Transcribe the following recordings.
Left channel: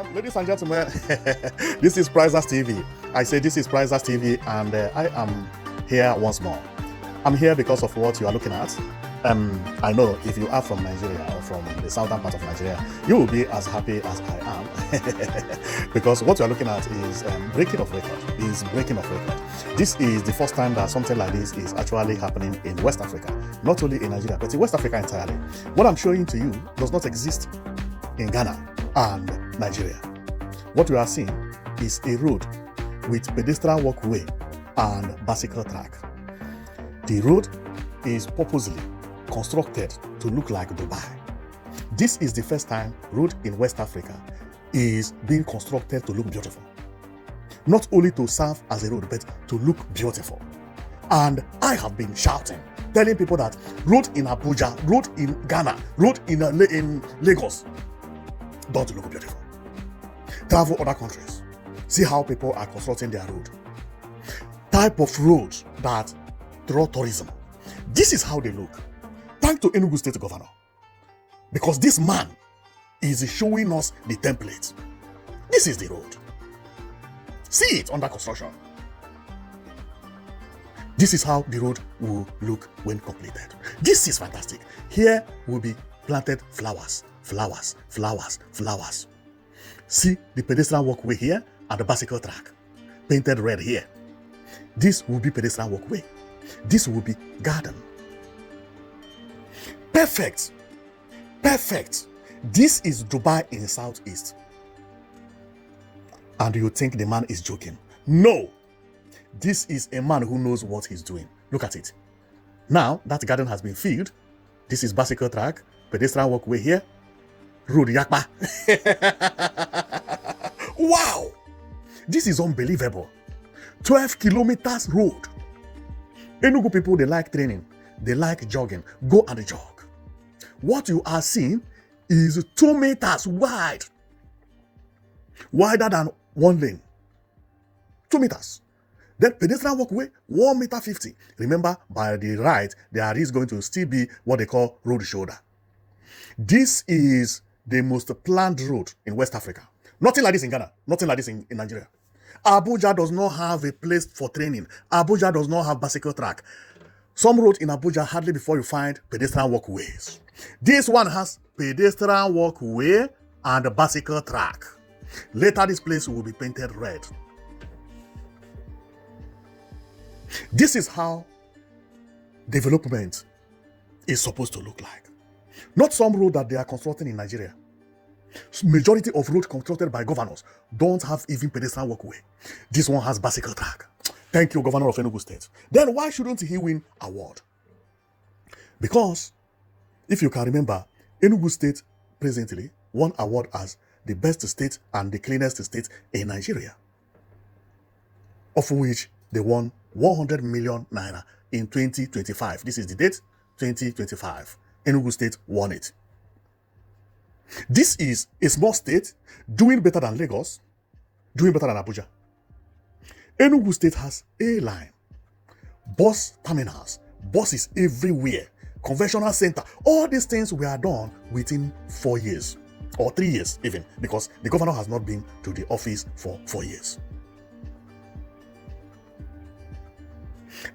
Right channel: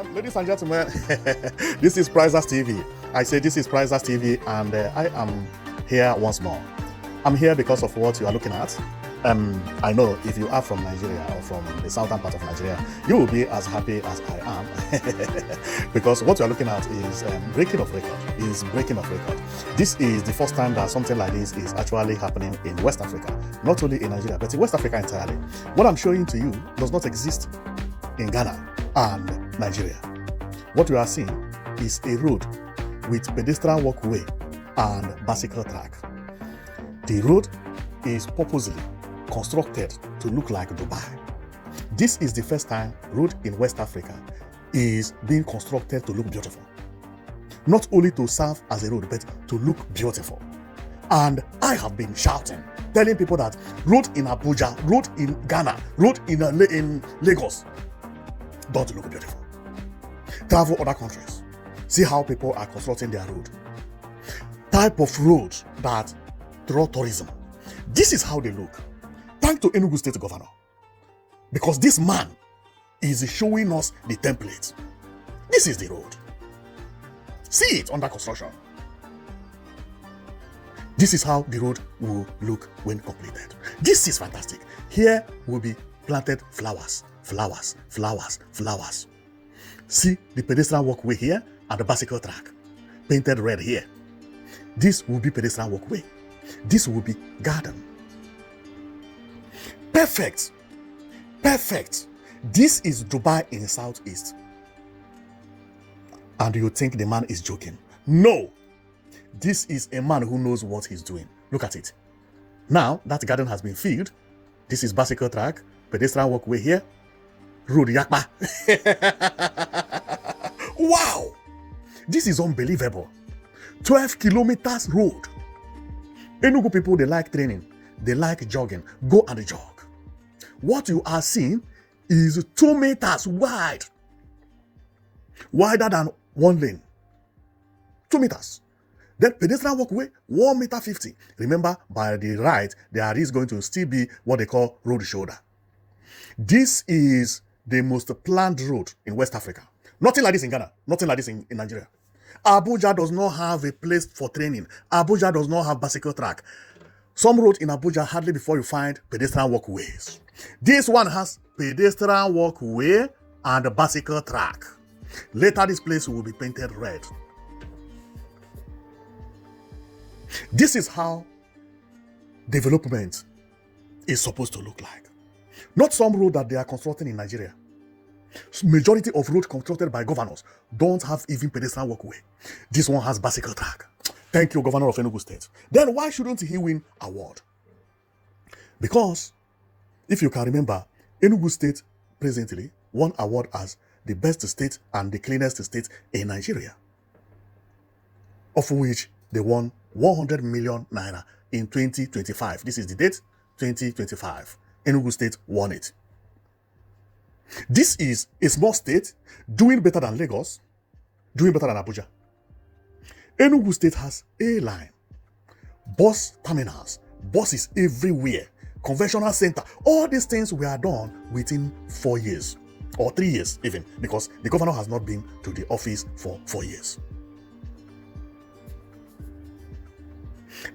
Ladies and gentlemen, this is Prizers TV. I say this is Prizers TV, and I am here once more. I'm here because of what you are looking at. I know if you are from Nigeria or from the southern part of Nigeria, you will be as happy as I am. Because what you are looking at is breaking of record. This is the first time that something like this is actually happening in West Africa. Not only in Nigeria, but in West Africa entirely. What I'm showing to you does not exist in Ghana and Nigeria. What we are seeing is a road with pedestrian walkway and bicycle track. The road is purposely constructed to look like Dubai. This is the first time road in West Africa is being constructed to look beautiful. Not only to serve as a road, but to look beautiful. And I have been shouting, telling people that road in Abuja, road in Ghana, road in Lagos don't look beautiful. Travel other countries. See how people are constructing their road. Type of roads that draw tourism. This is how they look. Thank to Enugu State Governor. Because this man is showing us the template. This is the road. See it under construction. This is how the road will look when completed. This is fantastic. Here will be planted flowers. See the pedestrian walkway here and the bicycle track. Painted red here. This will be pedestrian walkway. This will be garden. Perfect. This is Dubai in the southeast. And you think the man is joking? No. This is a man who knows what he's doing. Look at it. Now that garden has been filled. This is bicycle track, pedestrian walkway here, road yakma. Wow. This is unbelievable. 12 kilometers road. Enugu people, they like training. They like jogging. Go and jog. What you are seeing is 2 meters wide. Wider than one lane. 2 meters. That pedestrian walkway, 1.50 meters. Remember, by the right, there is going to still be what they call road shoulder. This is the most planned road in West Africa. Nothing like this in Ghana. Nothing like this in Nigeria. Abuja does not have a place for training. Abuja does not have bicycle track. Some roads in Abuja hardly before you find pedestrian walkways. This one has pedestrian walkway and a bicycle track. Later, this place will be painted red. This is how development is supposed to look like. Not some road that they are constructing in Nigeria. Majority of roads constructed by governors don't have even pedestrian walkway. This one has bicycle track. Thank you, Governor of Enugu State. Then why shouldn't he win award? Because, if you can remember, Enugu State presently won award as the best state and the cleanest state in Nigeria. Of which they won 100 million naira in 2025. This is the date, 2025. Enugu State won it. This is a small state doing better than Lagos, doing better than Abuja. Enugu State has A-line, bus terminals, buses everywhere, conventional center. All these things were done within 4 years or 3 years even, because the governor has not been to the office for 4 years.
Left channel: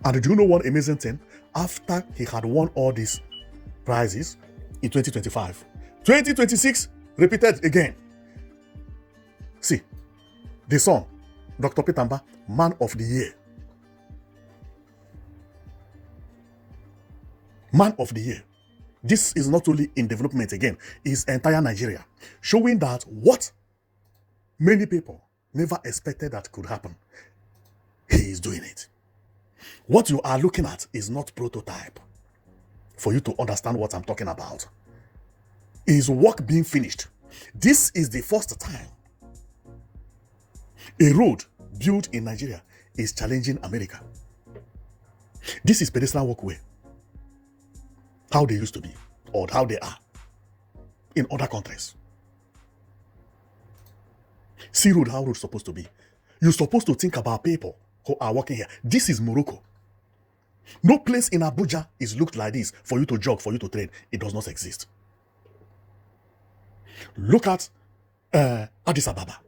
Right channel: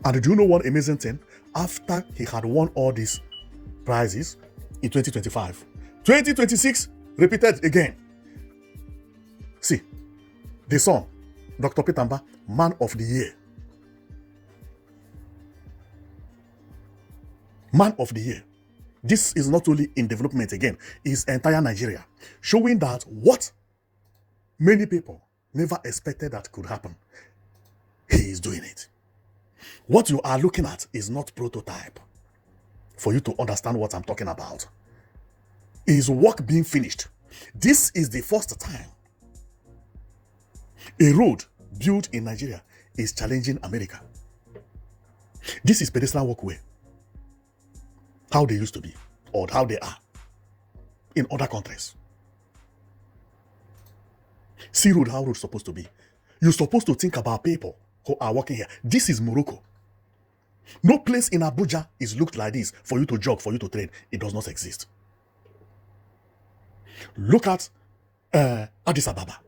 And do you know one amazing thing? After he had won all these prizes in 2025, 2026 repeated again. See, the son, Dr. Mbah, Man of the Year. Man of the Year. This is not only in development again, it's entire Nigeria. Showing that what many people never expected that could happen, he is doing it. What you are looking at is not prototype. For you to understand what I'm talking about, is work being finished. This is the first time a road built in Nigeria is challenging America. This is pedestrian walkway. How they used to be, or how they are in other countries. See road, how it's supposed to be. You're supposed to think about people who are working here. This is Morocco. No place in Abuja is looked like this for you to jog, for you to train. It does not exist. Look at Addis Ababa.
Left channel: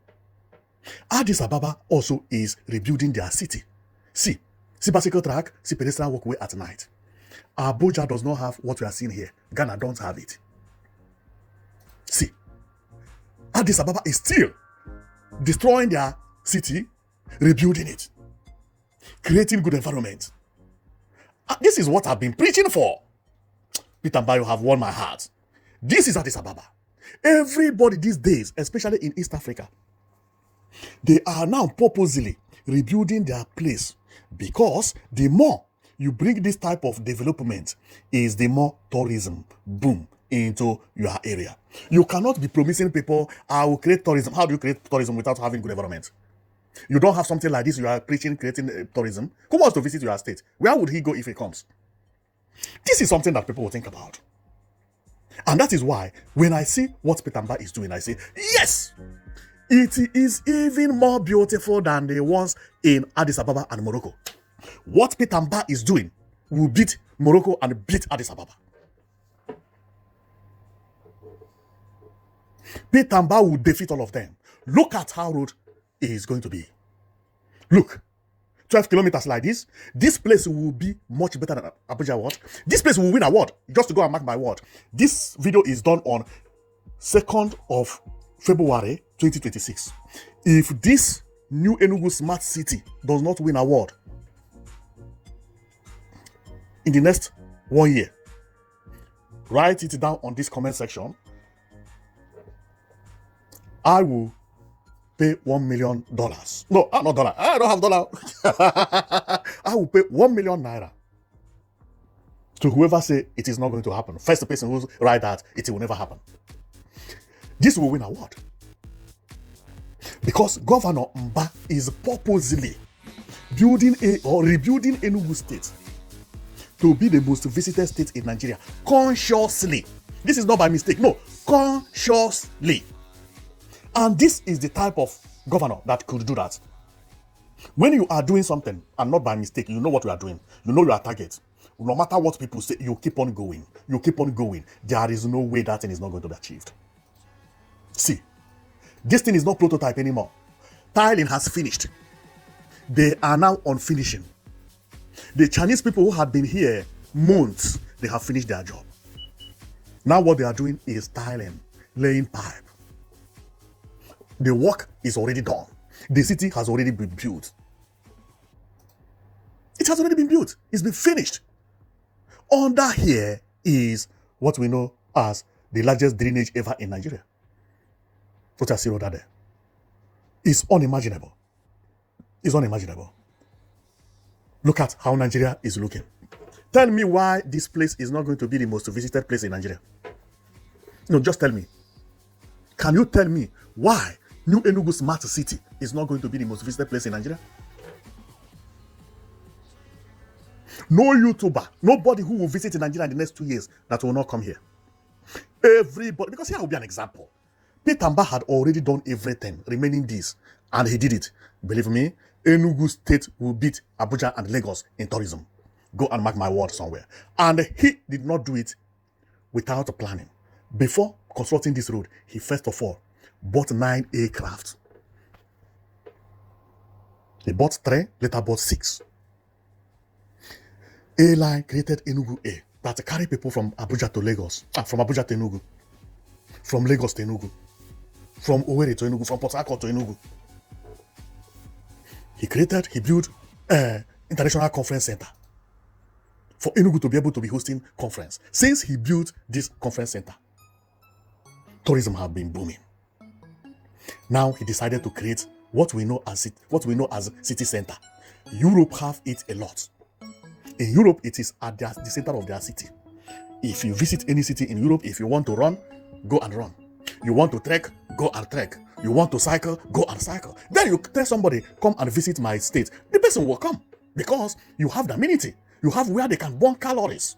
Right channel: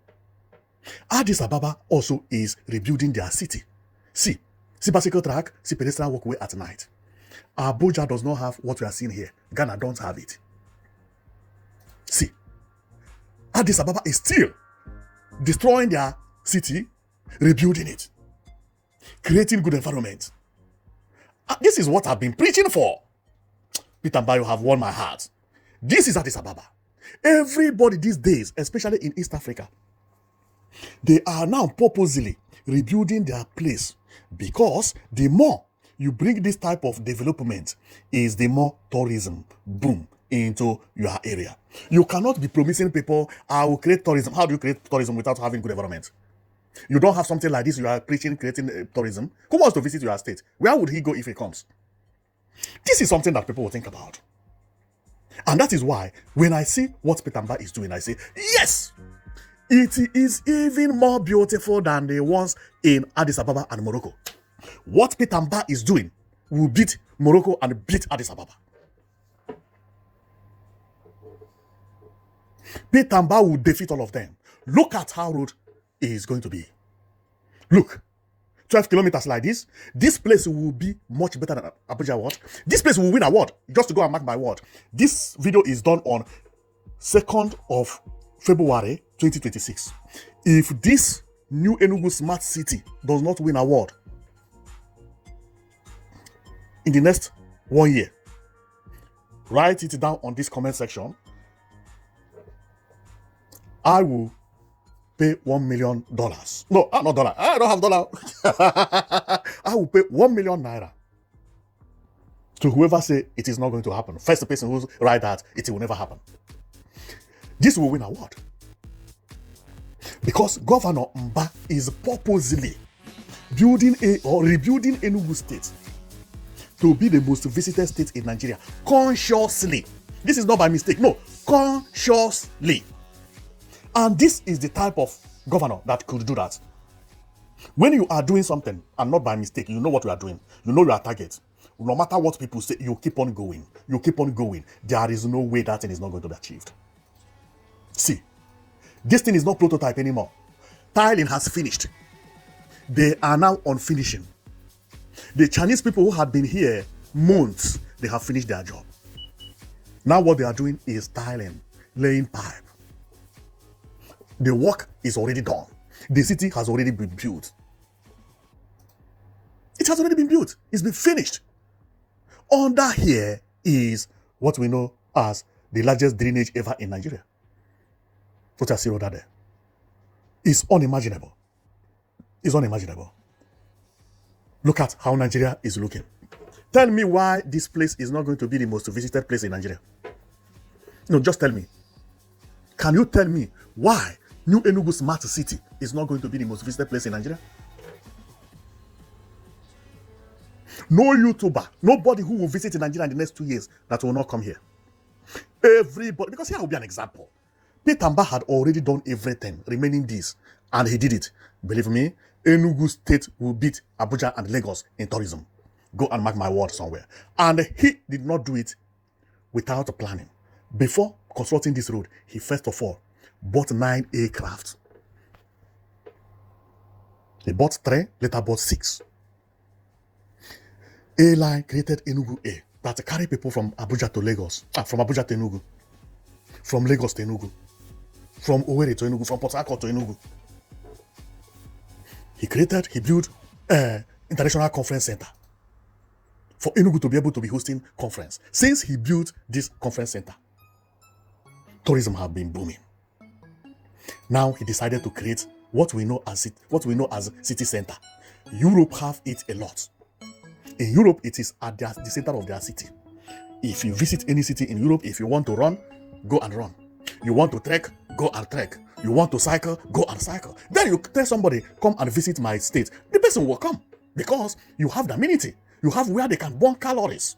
Addis Ababa also is rebuilding their city. See bicycle track, see pedestrian walkway at night. Abuja does not have what we are seeing here. Ghana don't have it. See, Addis Ababa is still destroying their city, rebuilding it, creating good environment. And this is what I've been preaching for. Peter Mbah, you have won my heart. This is Addis Ababa. Everybody these days, especially in East Africa, they are now purposely rebuilding their place, because the more you bring this type of development is the more tourism boom into your area. You cannot be promising people, I will create tourism. How do you create tourism without having good environment? You don't have something like this, you are preaching, creating tourism. Who wants to visit your state? Where would he go if he comes? This is something that people will think about. And that is why when I see what Peter Mbah is doing, I say, yes, it is even more beautiful than the ones in Addis Ababa and Morocco. What Peter Mbah is doing will beat Morocco and beat Addis Ababa. Peter Mbah will defeat all of them. Look at how road is going to be. Look, 12 kilometers like this. This place will be much better than Abuja was. This place will win an award. Just to go and mark my word. This video is done on 2nd of February 2026. If this new Enugu Smart City does not win an award in the next 1 year, write it down on this comment section. I will pay $1 million. No, not dollar. I don't have dollar. I will pay 1 million naira to whoever say it is not going to happen. First person who write that it will never happen. This will win an award. Because Governor Mbah is purposely building or rebuilding Enugu State to be the most visited state in Nigeria. Consciously. This is not by mistake. No, consciously. And this is the type of governor that could do that. When you are doing something and not by mistake, you know what you are doing. You know your target. No matter what people say, you keep on going. You keep on going. There is no way that thing is not going to be achieved. See, this thing is not prototype anymore. Tiling has finished. They are now on finishing. The Chinese people who have been here months, they have finished their job. Now what they are doing is tiling, laying pipe. The work is already done. The city has already been built. It has already been built. It's been finished. Under here is what we know as the largest drainage ever in Nigeria. What I see under there. It's unimaginable. It's unimaginable. Look at how Nigeria is looking. Tell me why this place is not going to be the most visited place in Nigeria. No, just tell me. Can you tell me why New Enugu Smart City is not going to be the most visited place in Nigeria? No YouTuber, nobody who will visit in Nigeria in the next 2 years that will not come here. Everybody, because here will be an example. Peter Mbah had already done everything remaining days, and he did it. Believe me, Enugu State will beat Abuja and Lagos in tourism. Go and mark my word somewhere. And he did not do it without planning. Before consulting this road, he first of all bought 9 aircraft. He bought 3, later bought 6. Airline created Enugu Air that carry people from Abuja to Lagos, from Abuja to Enugu, from Lagos to Enugu, from Owerri to Enugu, from Port Harcourt to Enugu. He built an international conference center for Enugu to be able to be hosting conference. Since he built this conference center, tourism has been booming. Now he decided to create what we know as city center. Europe have it a lot. In Europe, it is at the center of their city. If you visit any city in Europe, if you want to run, go and run. You want to trek, go and trek. You want to cycle, go and cycle. Then you tell somebody, come and visit my state. The person will come because you have the amenity. You have where they can burn calories.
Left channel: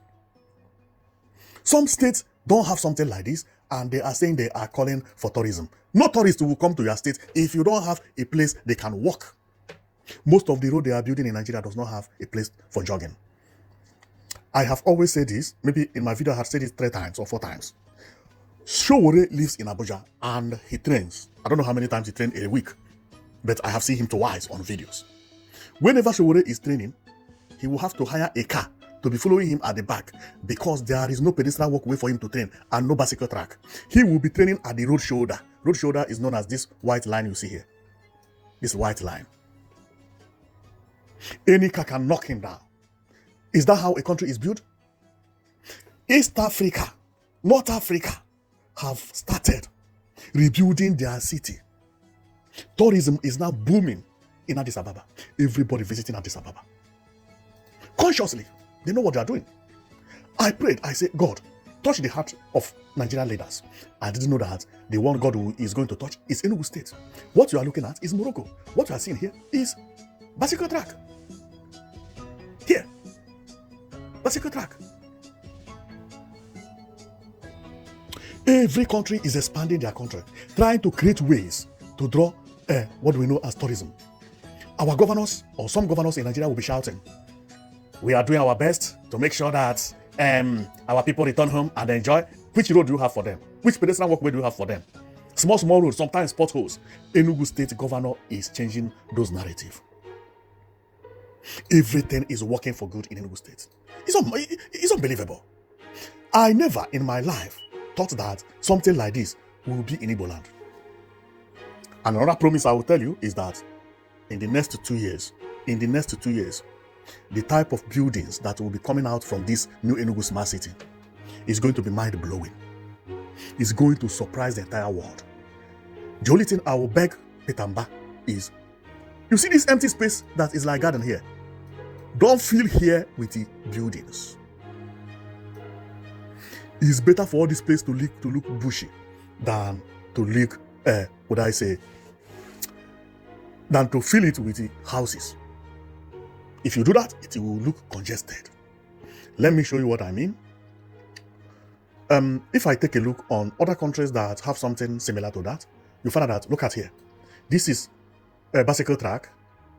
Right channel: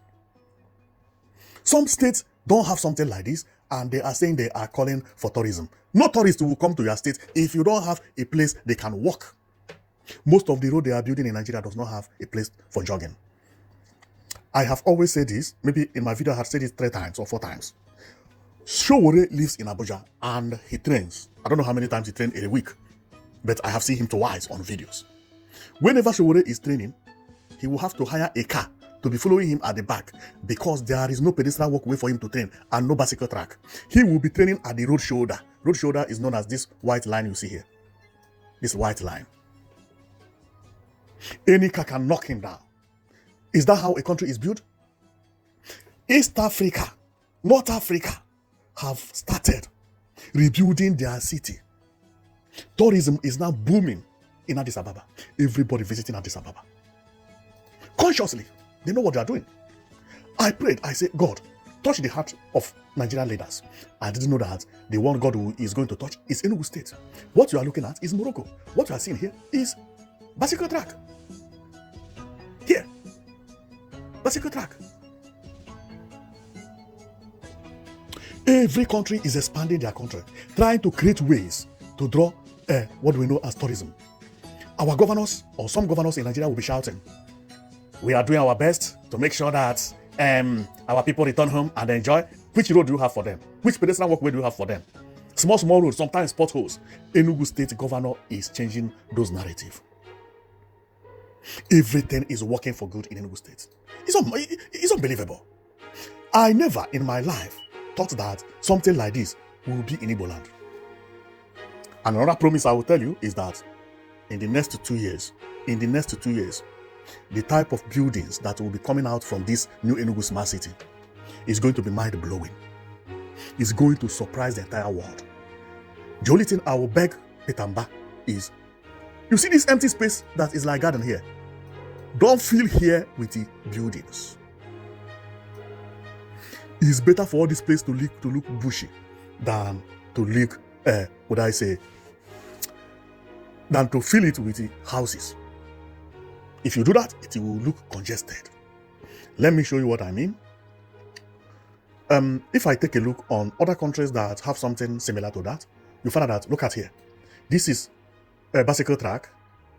Some states don't have something like this, and they are saying they are calling for tourism. No tourists will come to your state if you don't have a place they can walk. Most of the road they are building in Nigeria does not have a place for jogging. I have always said this, maybe in my video I have said it 3 times or 4 times. Showore lives in Abuja and he trains. I don't know how many times he trains in a week, but I have seen him twice on videos. Whenever Showore is training, he will have to hire a car to be following him at the back because there is no pedestrian walkway for him to train and no bicycle track. He will be training at the road shoulder. Road shoulder is known as this white line you see here. This white line. Any car can knock him down. Is that how a country is built? East Africa, North Africa have started rebuilding their city. Tourism is now booming in Addis Ababa. Everybody visiting Addis Ababa. Consciously, they know what they are doing. I prayed, I said, God, touch the heart of Nigerian leaders. I didn't know that the one God is going to touch is Enugu State. What you are looking at is Morocco. What you are seeing here is bicycle track. Here, bicycle track. Every country is expanding their country, trying to create ways to draw what we know as tourism. Our governors, or some governors in Nigeria, will be shouting, we are doing our best to make sure that our people return home and enjoy. Which road do you have for them? Which pedestrian walkway do you have for them? Small roads, sometimes potholes. Enugu State governor is changing those narratives. Everything is working for good in Enugu State. It's unbelievable. I never in my life thought that something like this will be in Igbo land. And another promise I will tell you is that in the next 2 years, the type of buildings that will be coming out from this new Enugu smart city is going to be mind-blowing. It's going to surprise the entire world. The only thing I will beg Mbah is, you see this empty space that is like garden here? Don't fill here with the buildings. It's better for all this place to look bushy than to look, than to fill it with the houses. If you do that, it will look congested. Let me show you what I mean. If I take a look on other countries that have something similar to that, you find that, look at here. This is a bicycle track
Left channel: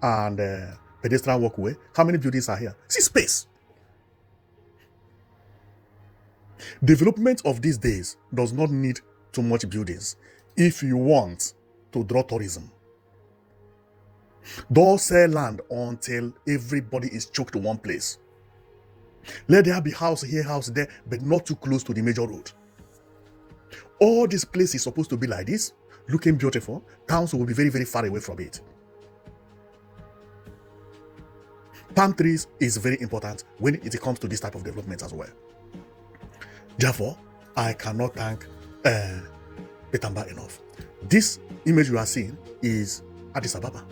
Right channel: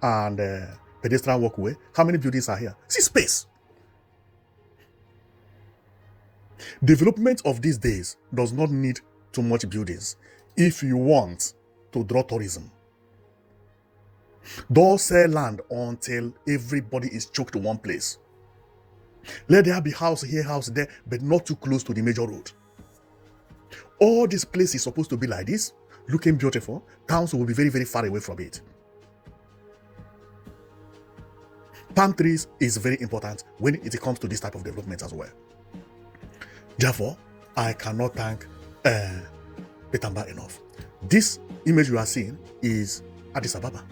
and a pedestrian walkway. How many buildings are here? See space. Development of these days does not need too much buildings if you want to draw tourism. Don't sell land until everybody is choked to one place. Let there be house here, house there, but not too close to the major road. All this place is supposed to be like this, looking beautiful. Towns will be very, very far away from it. Palm trees is very important when it comes to this type of development as well. Therefore, I cannot thank Mbah enough. This image you are seeing is Addis Ababa.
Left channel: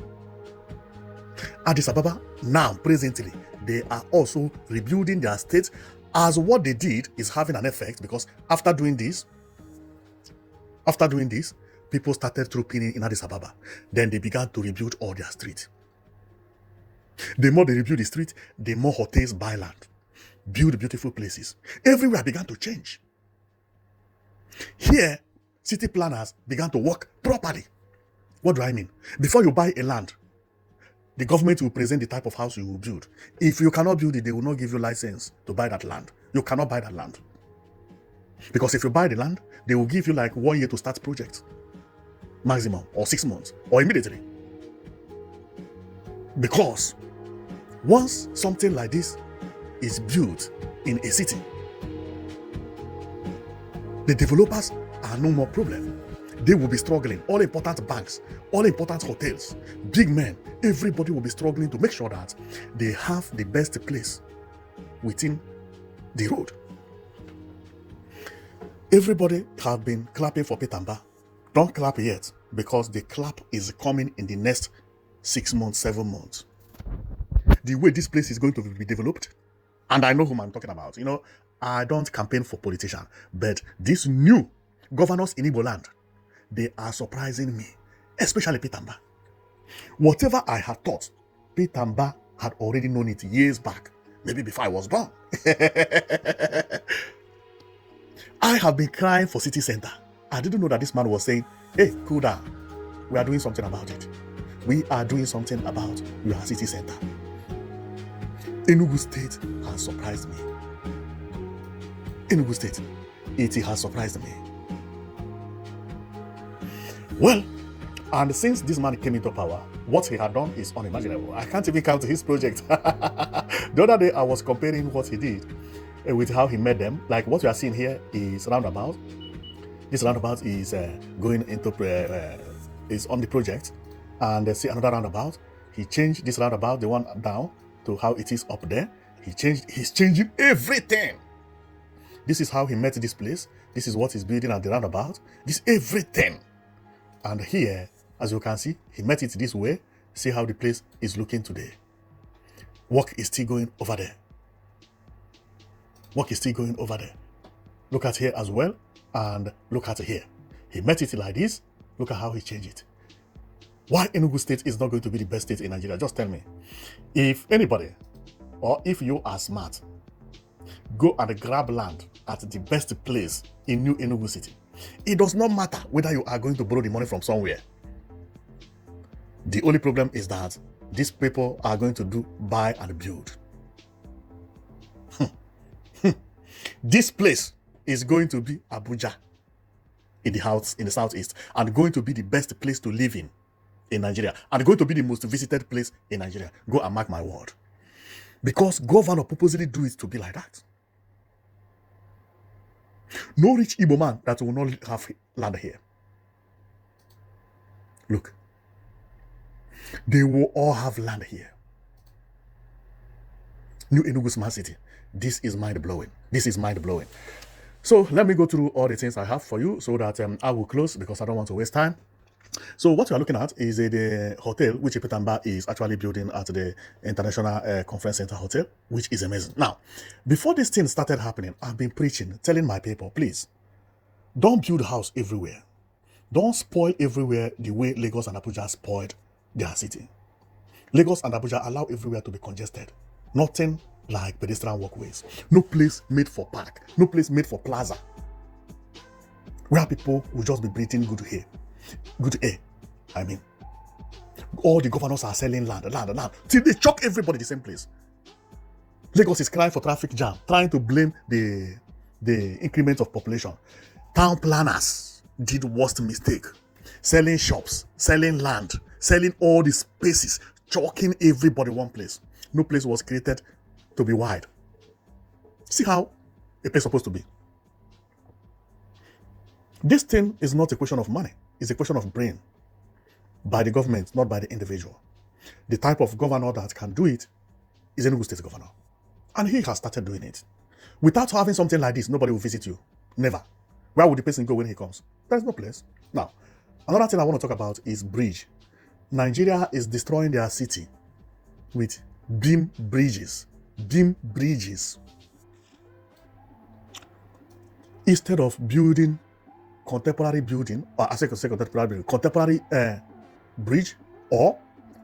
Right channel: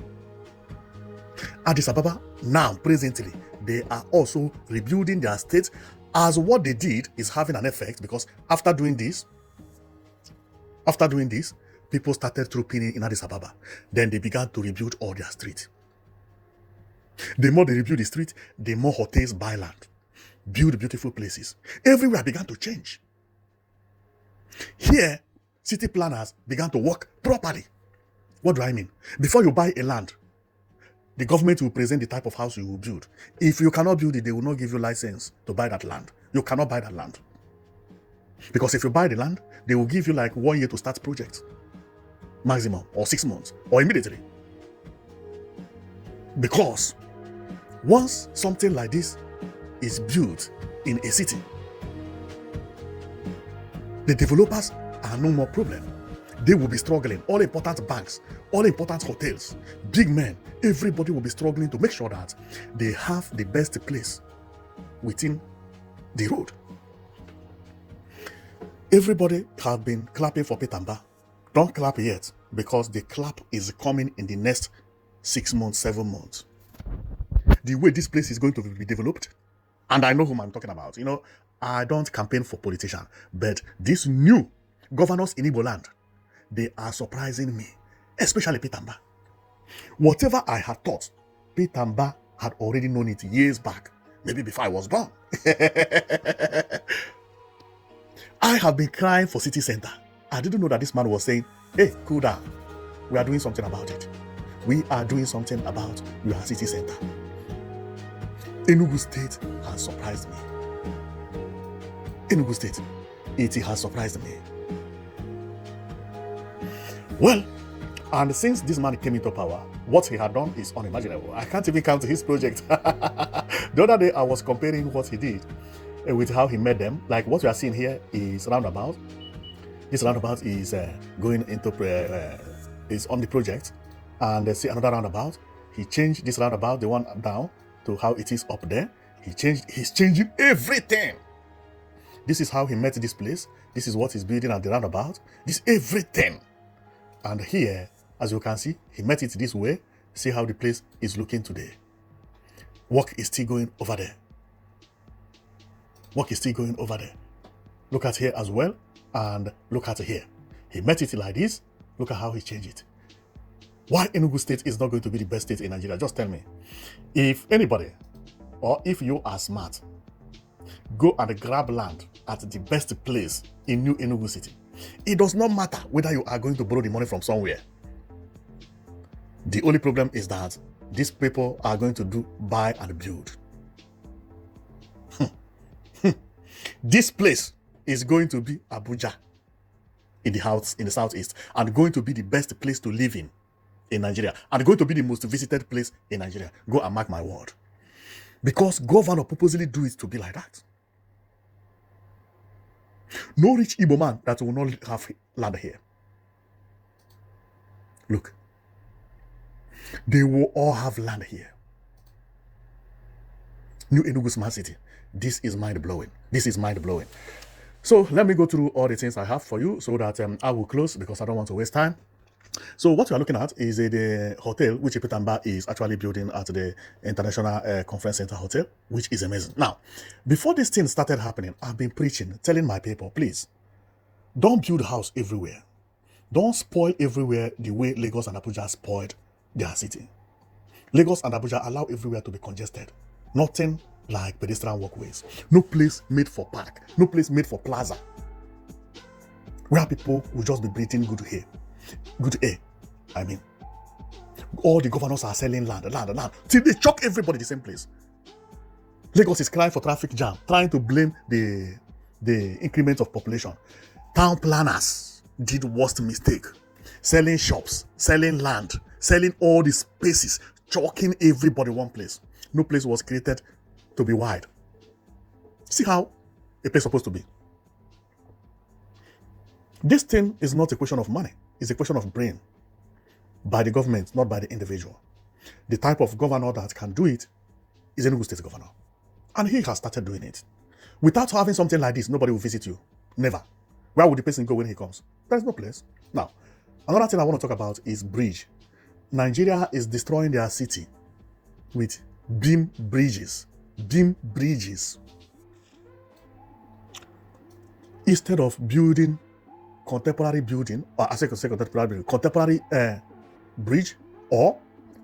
Addis Ababa now, presently, they are also rebuilding their state, as what they did is having an effect, because after doing this, people started trooping in Addis Ababa. Then they began to rebuild all their streets. The more they rebuild the street, the more hotels buy land, build beautiful places. Everywhere began to change. Here, city planners began to work properly. What do I mean? Before you buy a land, the government will present the type of house you will build. If you cannot build it, they will not give you license to buy that land. You cannot buy that land. Because if you buy the land, they will give you like 1 year to start project. Maximum, or 6 months, or immediately. Because once something like this is built in a city, the developers are no more problem. They will be struggling. All important banks, all important hotels, big men, everybody will be struggling to make sure that they have the best place within the road. Everybody have been clapping for Mbah. Don't clap yet, because the clap is coming in the next 6 months, 7 months. The way this place is going to be developed, and I know whom I'm talking about. I don't campaign for politicians, but these new governors in Igbo land, they are surprising me, especially Mbah. Whatever I had thought, Mbah had already known it years back, maybe before I was born. I have been crying for city center. I didn't know that this man was saying, hey, cool down. We are doing something about it. We are doing something about your city center. Enugu State has surprised me. Enugu State, it has surprised me. Well, and since this man came into power, what he had done is unimaginable. I can't even count his project. The other day, I was comparing what he did with how he made them. Like what we are seeing here is roundabout. This roundabout is going into is on the project, and see another roundabout. He changed this roundabout, the one down, to how it is up there. He's changing everything. This is how he met this place. This is what he's building at the roundabout. This everything. And here, as you can see, he met it this way. See how the place is looking today. Work is still going over there. Work is still going over there. Look at here as well, and look at here. He met it like this. Look at how he changed it. Why Enugu State is not going to be the best state in Nigeria? Just tell me. If anybody, or if you are smart, go and grab land at the best place in New Enugu City. It does not matter whether you are going to borrow the money from somewhere. The only problem is that these people are going to do buy and build. This place is going to be Abuja in the southeast, and going to be the best place to live in Nigeria, and going to be the most visited place in Nigeria. Go and mark my word. Because governor purposely do it to be like that. No rich Igbo man that will not have land here. Look. They will all have land here. New Enugu Smart City. This is mind-blowing. This is mind-blowing. So let me go through all the things I have for you so that I will close because I don't want to waste time. So what you are looking at is the hotel which Mbah is actually building at the International Conference Center Hotel, which is amazing. Now, before this thing started happening, I've been preaching, telling my people, please, don't build a house everywhere. Don't spoil everywhere the way Lagos and Abuja spoiled their city. Lagos and Abuja allow everywhere to be congested. Nothing like pedestrian walkways. No place made for park. No place made for plaza. Where people will just be breathing good air. Good air. I mean, all the governors are selling land. Till they chop everybody the same place. Lagos is crying for traffic jam, trying to blame the increment of population. Town planners did worst mistake. Selling shops, selling land, selling all the spaces, choking everybody one place. No place was created to be wide. See how a place is supposed to be. This thing is not a question of money. It's a question of brain. By the government, not by the individual. The type of governor that can do it is Enugu State governor. And he has started doing it. Without having something like this, nobody will visit you. Never. Where would the person go when he comes? There's no place. Now, another thing I want to talk about is bridge. Nigeria is destroying their city with beam bridges. Beam bridges. Instead of building contemporary building, contemporary bridge, or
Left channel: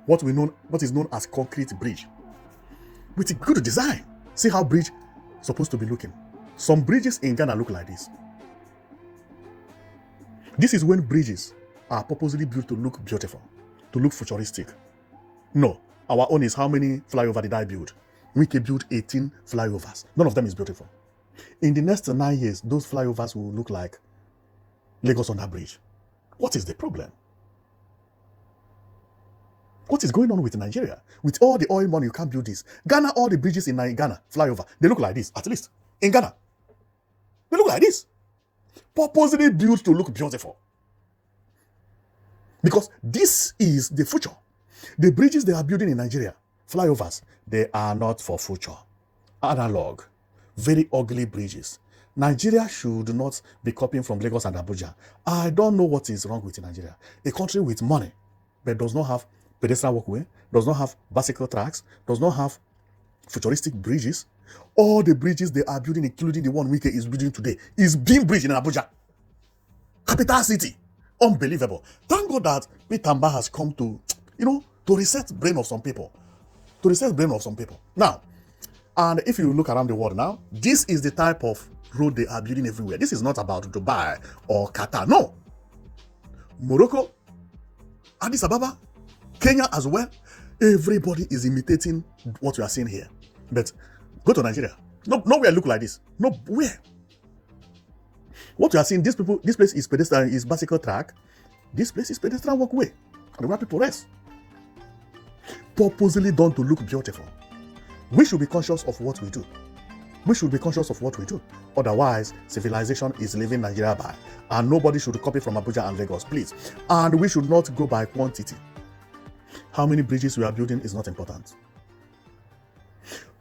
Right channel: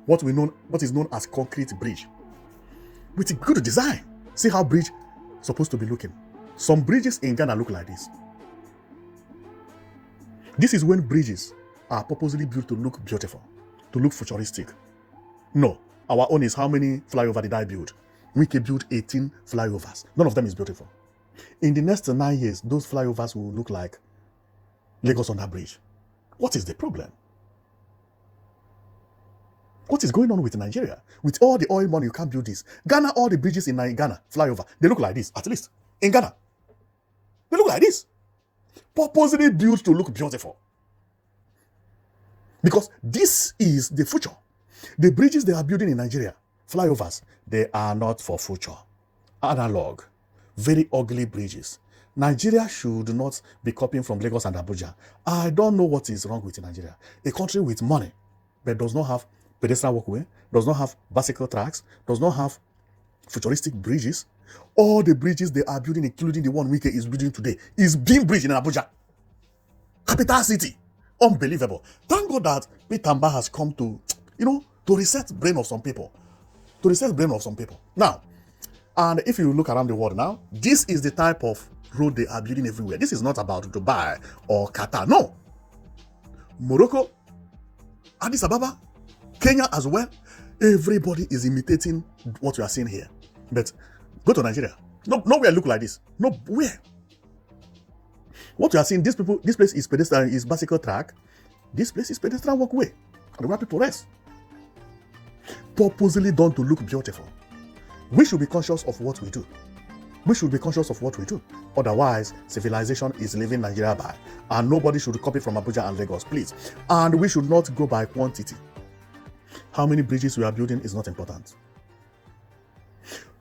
what is known as concrete bridge, with a good design. See how bridge is supposed to be looking. Some bridges in Ghana look like this. This is when bridges are purposely built to look beautiful, to look futuristic. No, our own is how many flyovers did I build? We can build 18 flyovers. None of them is beautiful. In the next 9 years, those flyovers will look like Lagos on that bridge. What is the problem? What is going on with Nigeria? With all the oil money, you can't build this. Ghana, all the bridges in Ghana, flyover, they look like this, at least. In Ghana, they look like this. Purposely built to look beautiful. Because this is the future. The bridges they are building in Nigeria, flyovers, they are not for future. Analog, very ugly bridges. Nigeria should not be copying from Lagos and Abuja. I don't know what is wrong with Nigeria. A country with money, but does not have pedestrian walkway, does not have bicycle tracks, does not have futuristic bridges. All the bridges they are building, including the one Wike is building today, is being bridge in Abuja. Capital city. Unbelievable. Thank God that Mbah has come to, to reset the brain of some people. Now, and if you look around the world now, this is the type of road they are building everywhere. This is not about Dubai or Qatar. No. Morocco, Addis Ababa, Kenya as well. Everybody is imitating what we are seeing here. But go to Nigeria. Nowhere look like this. Nowhere. What you are seeing, this place is pedestrian, is bicycle track. This place is pedestrian walkway, and where people rest. Purposely done to look beautiful. We should be conscious of what we do. We should be conscious of what we do. Otherwise, civilization is leaving Nigeria by, and nobody should copy from Abuja and Lagos, please. And we should not go by quantity. How many bridges we are building is not important.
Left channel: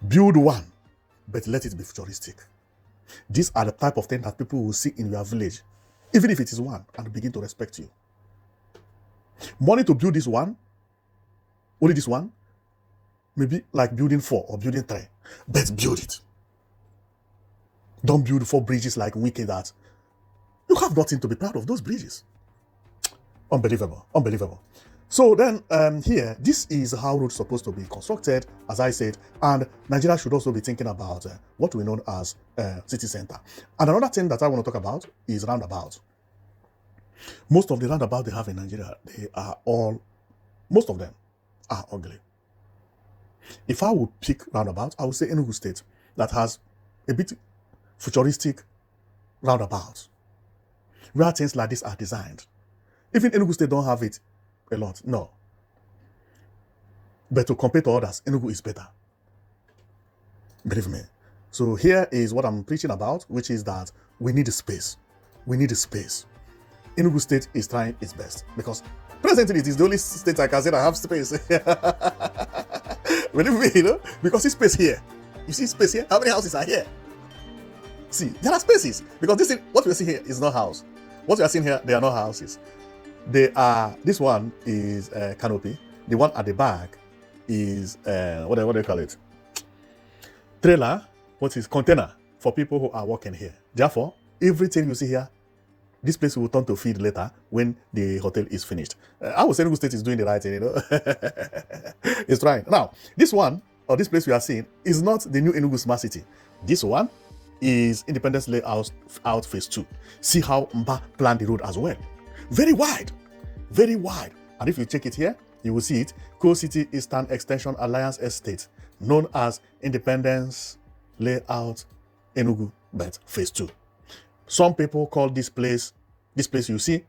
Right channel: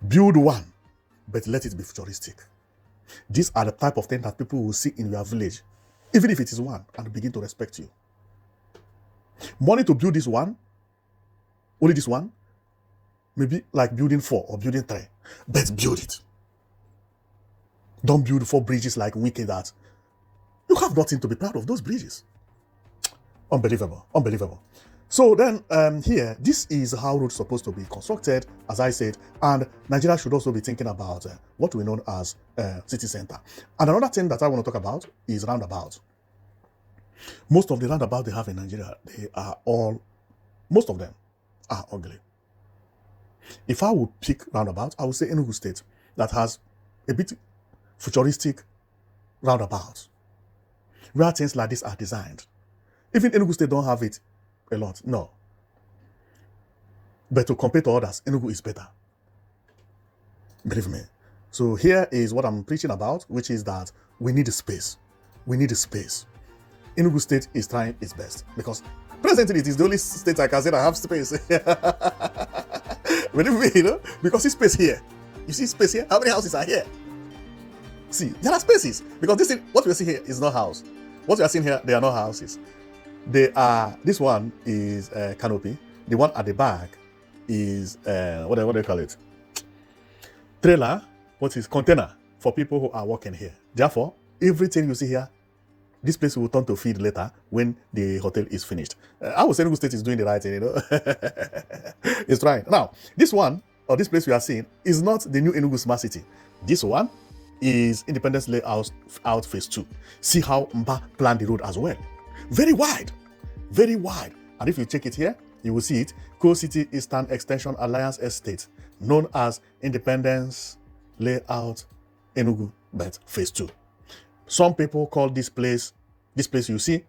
Build one, but let it be futuristic. These are the type of things that people will see in your village, even if it is one, and begin to respect you. Money to build this one, only this one, maybe like building 4 or building 3, but build it. Don't build 4 bridges like wicked that. You have nothing to be proud of those bridges. Unbelievable, unbelievable. So then here, this is how roads supposed to be constructed, as I said, and Nigeria should also be thinking about what we know as city center. And another thing that I want to talk about is roundabout. Most of the roundabout they have in Nigeria, most of them are ugly. If I would pick roundabout, I would say Enugu State that has a bit futuristic roundabout, where things like this are designed. Even Enugu State don't have it a lot, no. But to compare to others, Enugu is better. Believe me. So here is what I'm preaching about, which is that we need a space. We need a space. Enugu State is trying its best because presently it is the only state I can say that have space. Believe me, you know? Because this space here. You see space here? How many houses are here? See, there are spaces. Because this is what we're seeing here is not house. What we are seeing here, they are not houses. They are, this one is canopy. The one at the back is, what do they call it? Trailer, what is container for people who are working here. Therefore, everything you see here, this place will turn to feed later when the hotel is finished. I would say Enugu State is doing the right thing, you know. It's trying. Now, this one, or this place we are seeing, is not the new Enugu Smart City. This one is Independence Layout out Phase 2. See how Mbah planned the road as well. Very wide. Very wide. And if you check it here, you will see it. Coal City Eastern Extension Alliance Estate, known as Independence Layout Enugu Bet Phase 2. Some people call this place you see,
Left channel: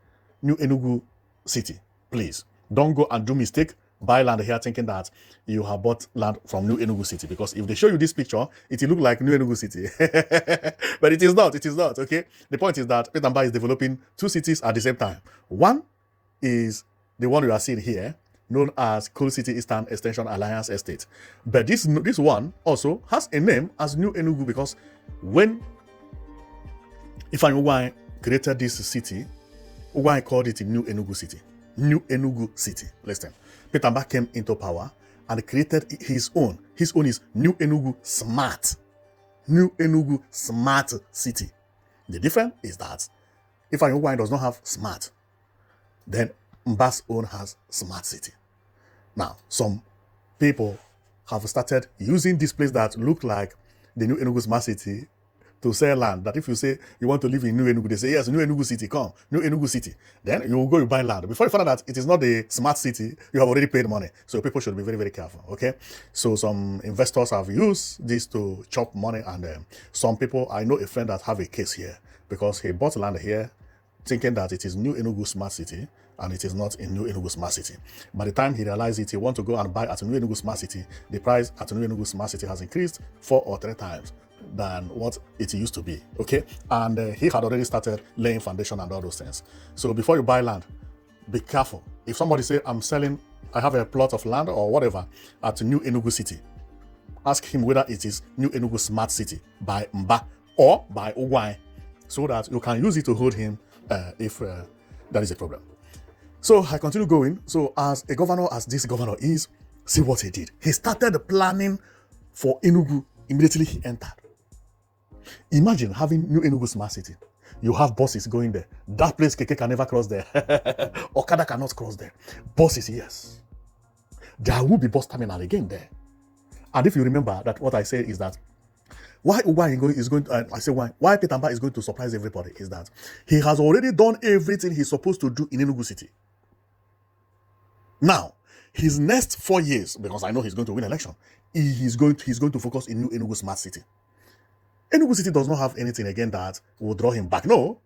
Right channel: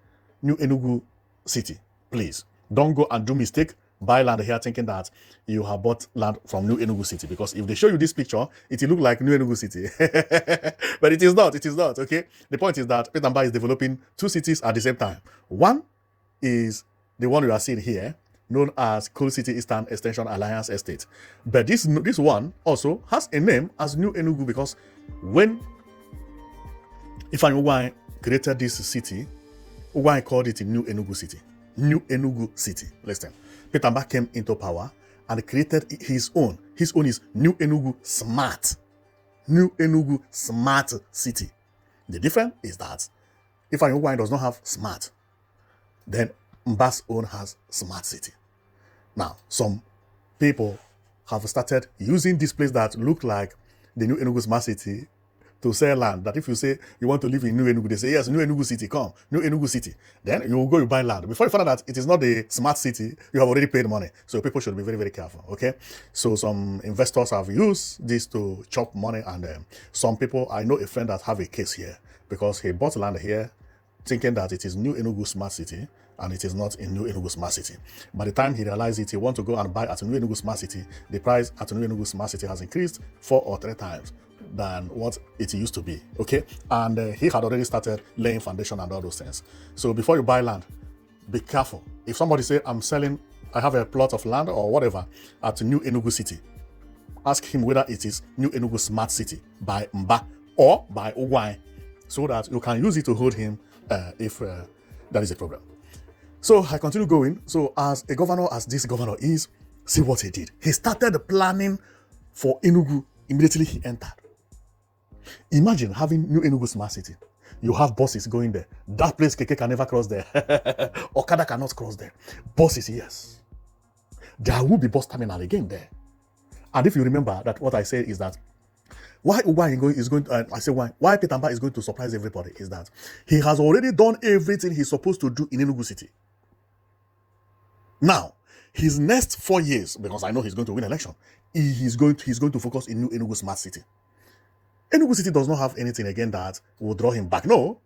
New Enugu City. Please, don't go and do mistake. Buy land here thinking that you have bought land from New Enugu City. Because if they show you this picture, it will look like New Enugu City. But it is not, okay? The point is that Mbah is developing 2 cities at the same time. One is the one you are seeing here, known as Coal City Eastern Extension Alliance Estate. But this one also has a name as New Enugu because when Ifeanyi created this city, why called it New Enugu City? New Enugu City. Listen, Mbah came into power and created his own. His own is New Enugu Smart. New Enugu Smart City. The difference is that Ifeanyi does not have smart. Then Mbah's own has Smart City. Now, some people have started using this place that look like the New Enugu Smart City to sell land. That if you say you want to live in New Enugu, they say, yes, New Enugu City, come, New Enugu City. Then you will go and buy land. Before you find out that it is not the smart city, you have already paid money. So people should be very, very careful, okay? So some investors have used this to chop money, and some people, I know a friend that have a case here because he bought land here thinking that it is New Enugu Smart City, and it is not in New Enugu Smart City. By the time he realized it, he want to go and buy at New Enugu Smart City, the price at New Enugu Smart City has increased 4 or 3 times than what it used to be, okay? And he had already started laying foundation and all those things. So before you buy land, be careful. If somebody say, I have a plot of land or whatever at New Enugu City, ask him whether it is New Enugu Smart City by Mbah or by Ogwai, so that you can use it to hold him if there is a problem. So I continue going. So as a governor, as this governor is, see what he did. He started the planning for Enugu immediately he entered. Imagine having New Enugu Smart City. You have buses going there. That place Keke can never cross there. Okada cannot cross there. Buses, yes. There will be bus terminal again there. And if you remember that what I said is that why Peter Mbah is going to surprise everybody is that he has already done everything he's supposed to do in Enugu City. Now, his next 4 years, because I know he's going to win election, he's going to focus in New Enugu Smart City. Enugu City does not have anything again that will draw him back. No.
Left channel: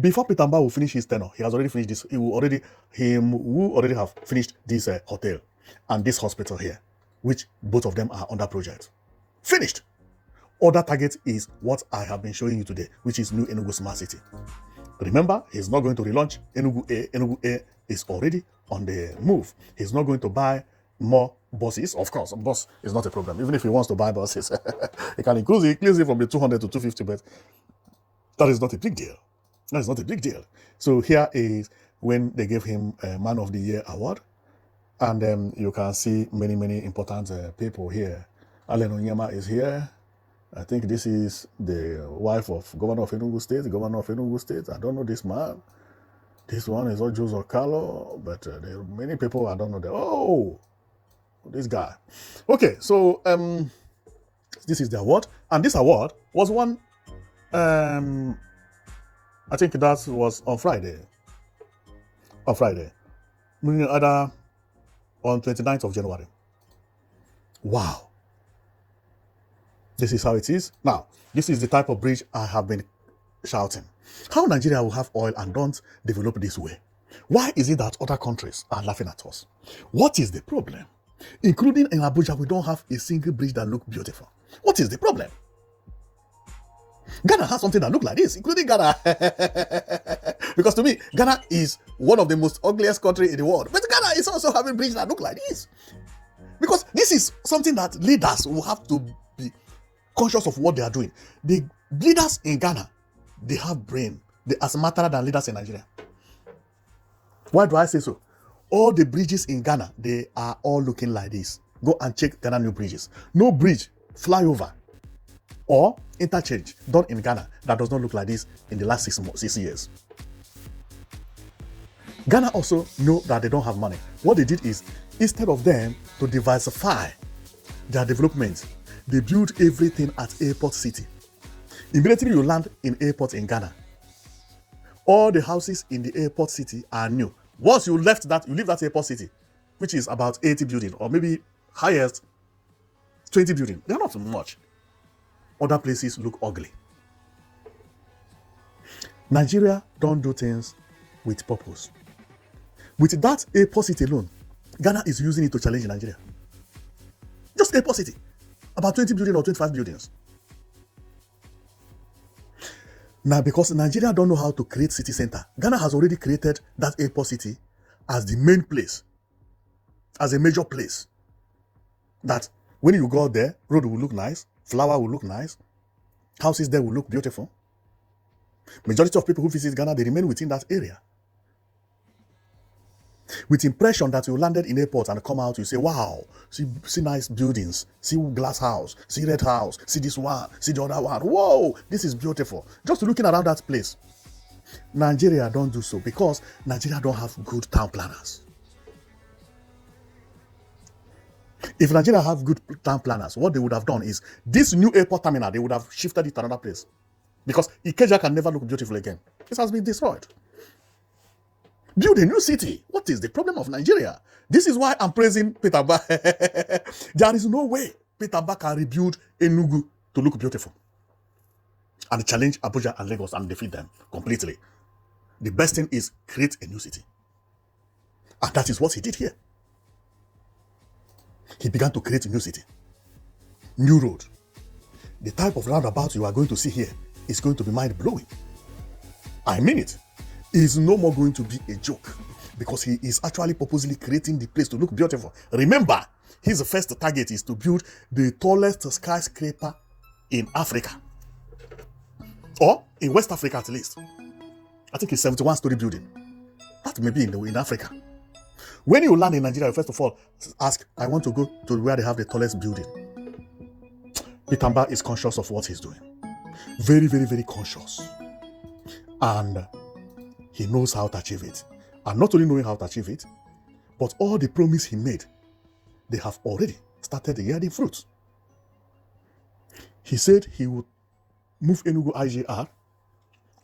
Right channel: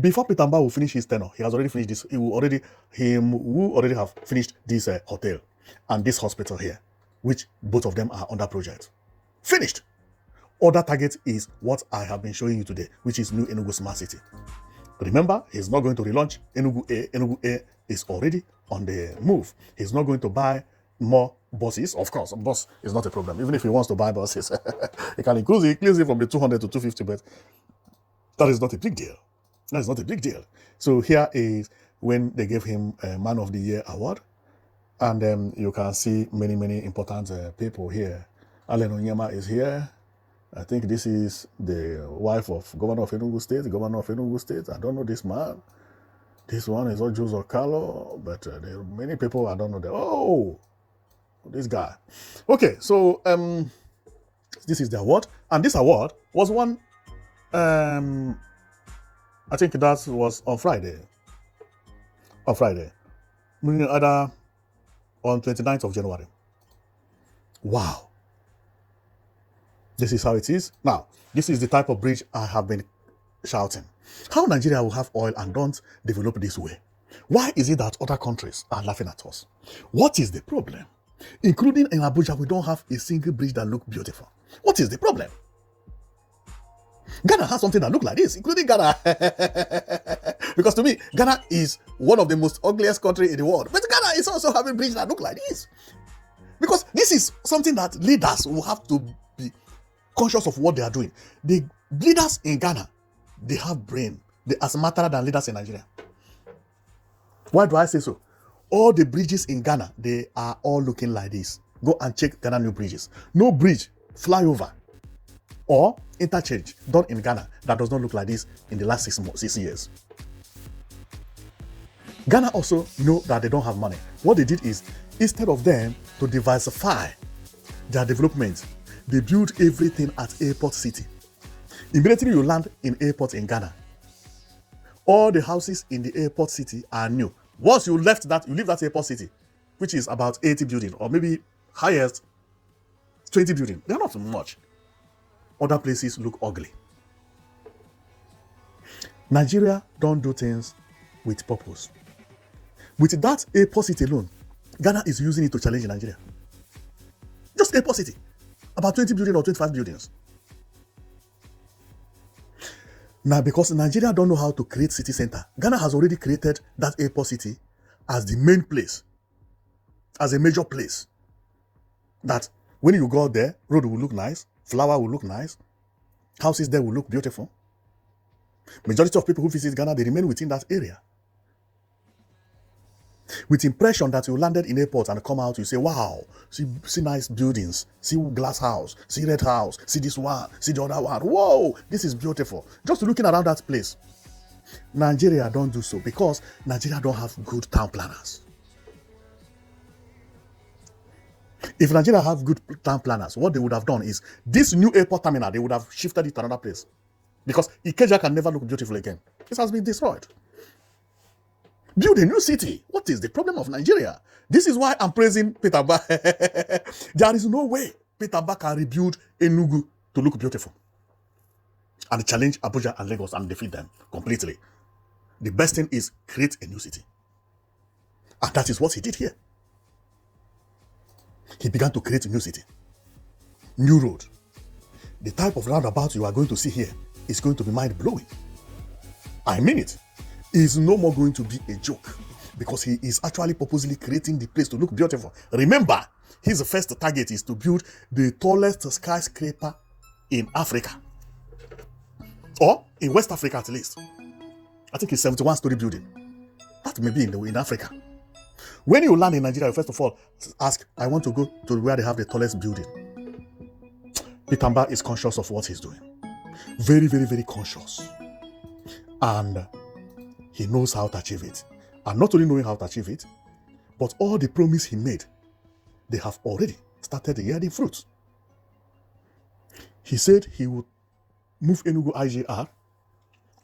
Before Peter Mbah will finish his tenure, he has already finished this. He will already have finished this hotel and this hospital here, which both of them are under project. Finished. Other target is what I have been showing you today, which is New Enugu Smart City. Remember, he's not going to relaunch Enugu A. Enugu A is already on the move. He's not going to buy more buses. Of course, bus is not a problem. Even if he wants to buy buses, he can increase it from the 200 to 250, but that is not a big deal. That is not a big deal. So here is when they gave him a Man of the Year award, and you can see many important people here. Allen Onyema is here. I think this is the wife of Governor of Enugu State. I don't know this man. This one is not Joseph Carlo, but there are many people I don't know. Oh, this guy. Okay, so this is the award, and this award was won. I think that was on Friday. Meaning either on 29th of January. Wow. This is how it is. Now, this is the type of bridge I have been shouting. How Nigeria will have oil and don't develop this way? Why is it that other countries are laughing at us? What is the problem? Including in Abuja, we don't have a single bridge that looks beautiful. What is the problem? Ghana has something that looks like this, including Ghana. Because to me, Ghana is one of the most ugliest countries in the world. But Ghana is also having bridges that look like this. Because this is something that leaders will have to be conscious of what they are doing. The leaders in Ghana, they have brain. They are smarter than leaders in Nigeria. Why do I say so? All the bridges in Ghana, they are all looking like this. Go and check Ghana new bridges. No bridge, flyover, or interchange, not in Ghana, that does not look like this in the last 6 years. Ghana also know that they don't have money. What they did is, instead of them to diversify their development, they built everything at Airport City. Immediately you land in airport in Ghana, all the houses in the Airport City are new. Once you leave that Airport City, which is about 80 buildings, or maybe highest 20 buildings. They're not much. Other places look ugly. Nigeria don't do things with purpose. With that Airport City alone, Ghana is using it to challenge Nigeria. Just Airport City, about 20 buildings or 25 buildings. Now, because Nigeria don't know how to create city center, Ghana has already created that Airport City as the main place, as a major place. That when you go there, road will look nice, flower will look nice, houses there will look beautiful. Majority of people who visit Ghana, they remain within that area. With impression that you landed in airport and come out, you say, wow, see nice buildings, see glass house, see red house, see this one, see the other one. Whoa, this is beautiful. Just looking around that place. Nigeria don't do so because Nigeria don't have good town planners. If Nigeria have good town planners, what they would have done is this new airport terminal, they would have shifted it to another place. Because Ikeja can never look beautiful again. This has been destroyed. Build a new city. What is the problem of Nigeria? This is why I'm praising Peter Mbah. There is no way Peter Mbah can rebuild Enugu to look beautiful and challenge Abuja and Lagos and defeat them completely. The best thing is create a new city. And that is what he did here. He began to create a new city. New road. The type of roundabout you are going to see here is going to be mind-blowing. I mean it. It is no more going to be a joke because he is actually purposely creating the place to look beautiful. Remember, his first target is to build the tallest skyscraper in Africa. Or in West Africa at least. I think it's 71-story building. That may be in Africa. When you land in Nigeria, first of all, ask, I want to go to where they have the tallest building. Peter Mbah is conscious of what he's doing. Very, very, very conscious. And he knows how to achieve it. And not only knowing how to achieve it, but all the promise he made, they have already started yielding fruit. He said he would move Enugu IGR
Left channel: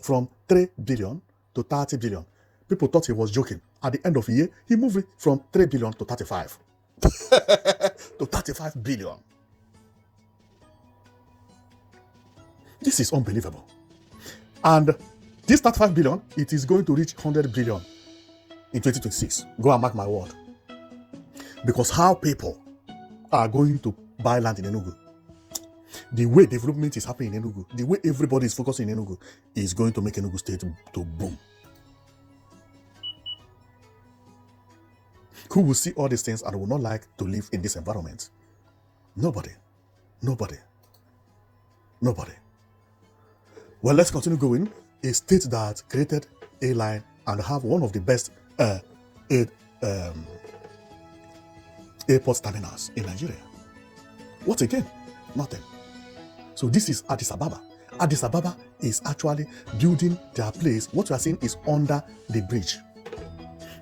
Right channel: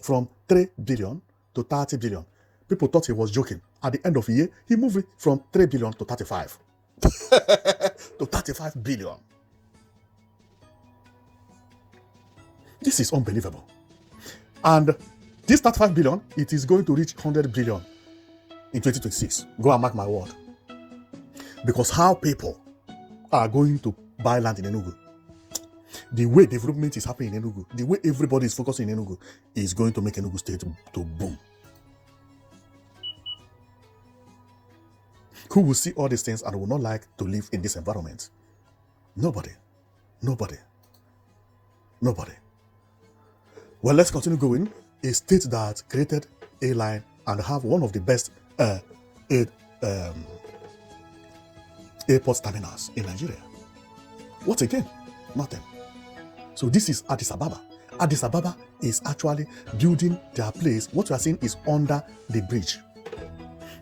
from 3 billion to 30 billion. People thought he was joking. At the end of the year, he moved it from 3 billion to 35. To 35 billion. This is unbelievable. And This 35 billion, it is going to reach 100 billion in 2026. Go and mark my word. Because how people are going to buy land in Enugu, the way development is happening in Enugu, the way everybody is focusing in Enugu, is going to make Enugu State to boom. Who will see all these things and will not like to live in this environment? Nobody. Nobody. Nobody. Well, let's continue going. A state that created a line and have one of the best airport terminals in Nigeria. What again? Nothing. So this is Addis Ababa. Addis Ababa is actually building their place. What you are seeing is under the bridge.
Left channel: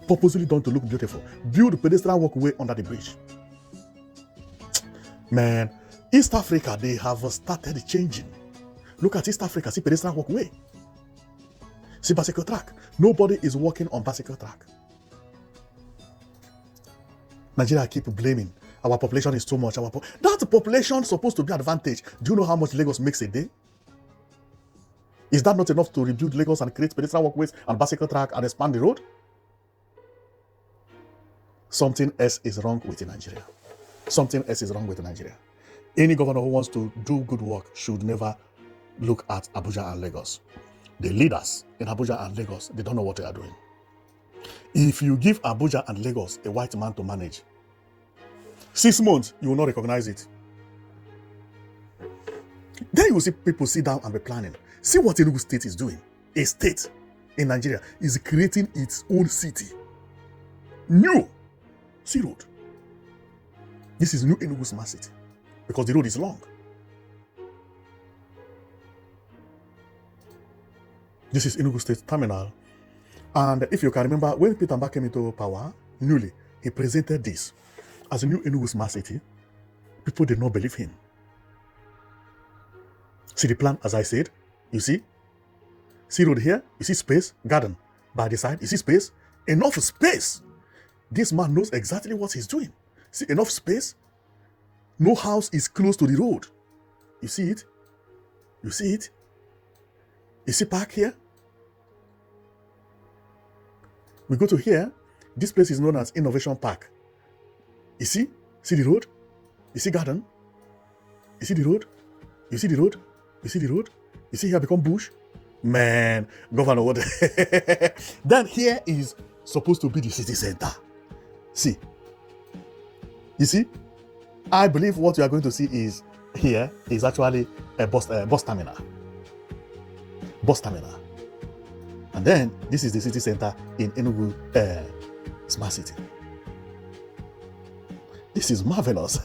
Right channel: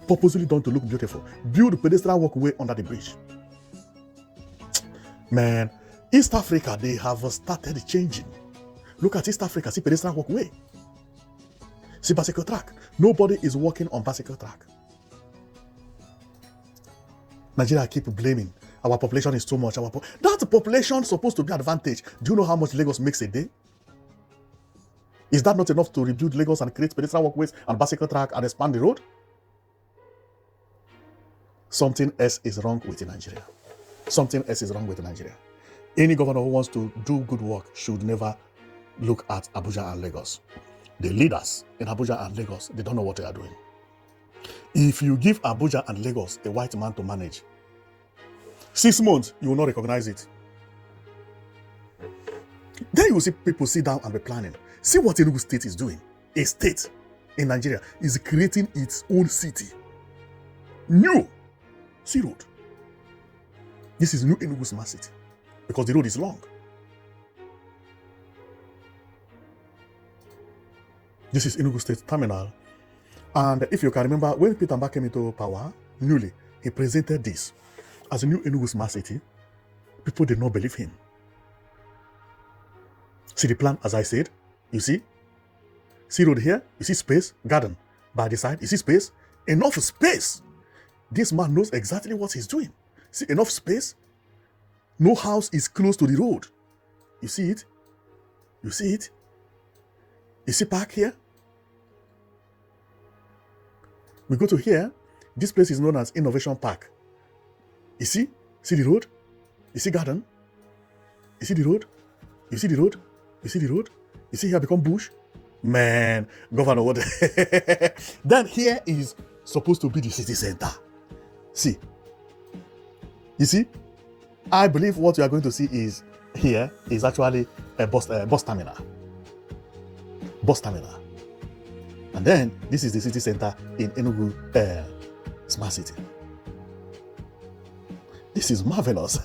Purposely done to look beautiful. Build a pedestrian walkway under the bridge. Man, East Africa, they have started changing. Look at East Africa, see pedestrian walkway. See bicycle track. Nobody is walking on bicycle track. Nigeria keep blaming. Our population is too much. That population is supposed to be advantage. Do you know how much Lagos makes a day? Is that not enough to rebuild Lagos and create pedestrian walkways and bicycle track and expand the road? Something else is wrong with Nigeria. Something else is wrong with Nigeria. Any governor who wants to do good work should never look at Abuja and Lagos. The leaders in Abuja and Lagos, they don't know what they are doing. If you give Abuja and Lagos a white man to manage, 6 months, you will not recognize it. Then you will see people sit down and be planning. See what Enugu State is doing. A state in Nigeria is creating its own city. New sea road. This is new Enugu Smart City because the road is long. This is Enugu State Terminal. And if you can remember, when Peter Mbah came into power, newly, he presented this as a new Enugu Smart City. People did not believe him. See the plan, as I said, you see? See road here, you see space, garden. By the side, you see space, enough space. This man knows exactly what he's doing. See, enough space. No house is close to the road. You see it? You see it? You see park here? We go to here. This place is known as Innovation Park. You see? See the road? You see garden? You see the road? You see the road? You see the road? You see here become bush? Man, governor, what? Then here is supposed to be the city center. See? You see? I believe what you are going to see is here is actually a bus terminal. Bus terminal. And then this is the city center in Enugu Smart City. This is marvelous.